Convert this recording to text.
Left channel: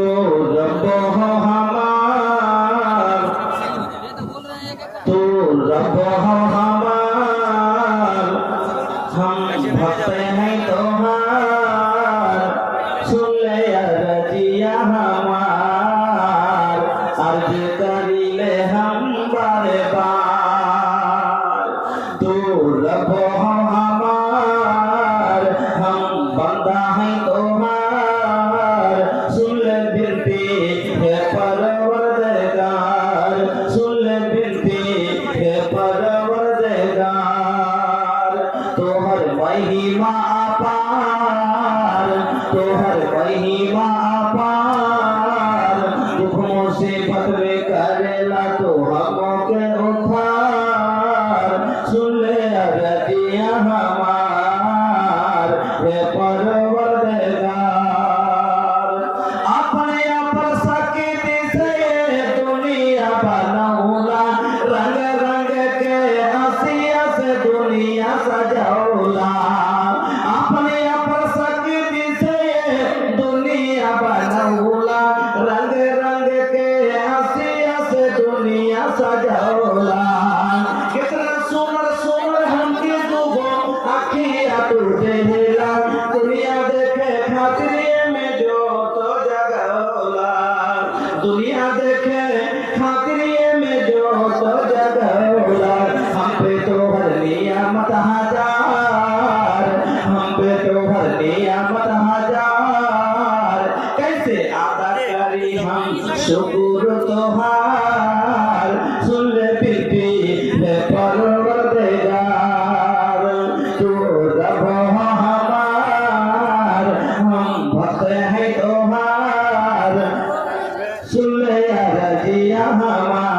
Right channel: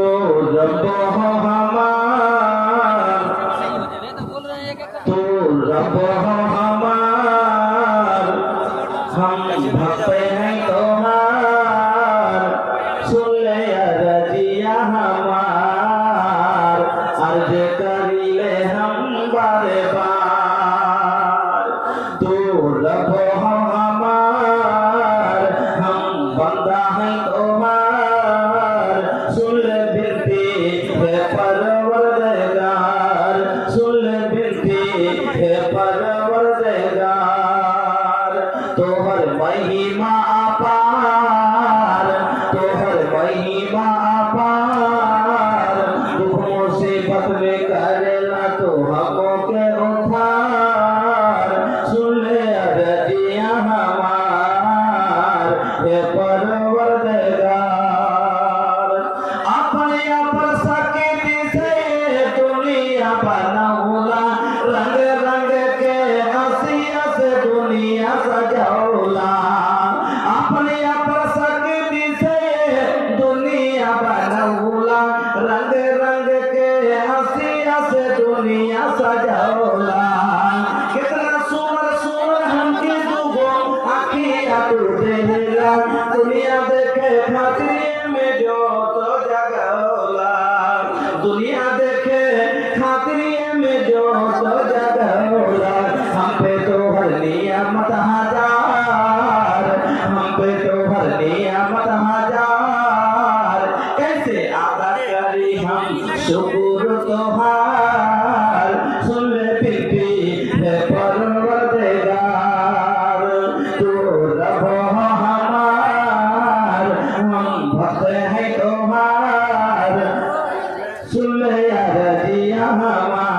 रब हो हमार, तू रब हो हमार, हम भक्त हैं तुम्हार, सुन ले अर्जिया हमार, अर्ज करिले हम बारे बार। तू रब हो हमार, हम बंदा हैं तुम्हार, सुन ले बिनती है परवरदिगार, सुन ले बिनती है परवरदिगार। तोहर महिमा अपार, तोहर महिमा अपार, दुख मुसीबत में करेला तो हमों के उद्धार, सुन ले अर्जिया हमार हे परवरदिगार। अपने अपन शक्ति से दुनिया बनौला, रंग रंग के हंसिया से दुनिया सजौला, अपने अपन शक्ति से दुनिया बनौला, रंग रंग के हंसिया से दुनिया सजौला। कितना सुमर सुमर हमके दुगो आखिया तू देला, दुनिया देखे खातिर में जो तो जगौला, दुनिया देखे खातिर में जो तो जगौला। हम पे तो हर नियामत हजार, हम पे तो हर नियामत हजार, कैसे अदा करी हम शुक्र तोहार, सुन ले बिनती है परवरदिगार। तू रब हो हमार, हम भक्त हैं तुम्हार, सुन ले अर्जिया हमार।